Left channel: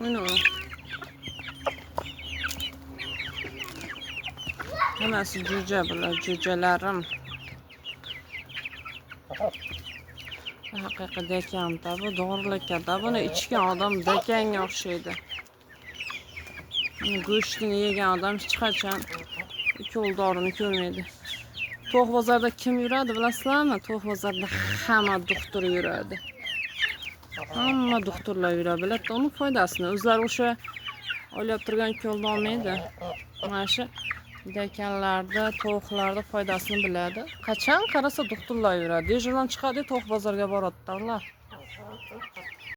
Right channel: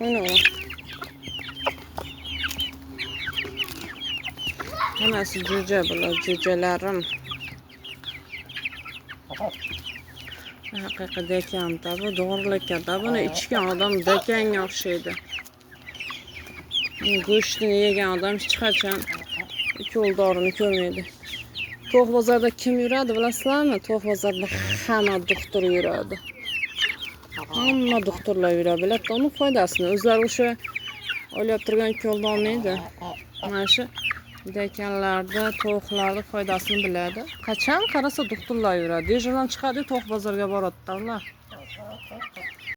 Onu. Hammasi jo'ja bular, jo'jalarim. Haqiqiy dekanda bu dorilikda buni ichgan odam dekanga o'xshaydi. Go'shtini yegan odam hech qachon ikki dorini ko'rmaydi. To'q bozorda kim yuradi bilasizlarmi? To'q bozorda hamma doktor yuradi. Hamma doktorlar yuradi. Biladi uni foydasini. O'zlari o'sha olib turgan ko'lni olmaydi. Mana shu dekanlarda, to'qlarda foydasini biladi. Qachon qarasa doktorlar yuradi. Dejurdan chiqadi, to'q bozorga boradi ular.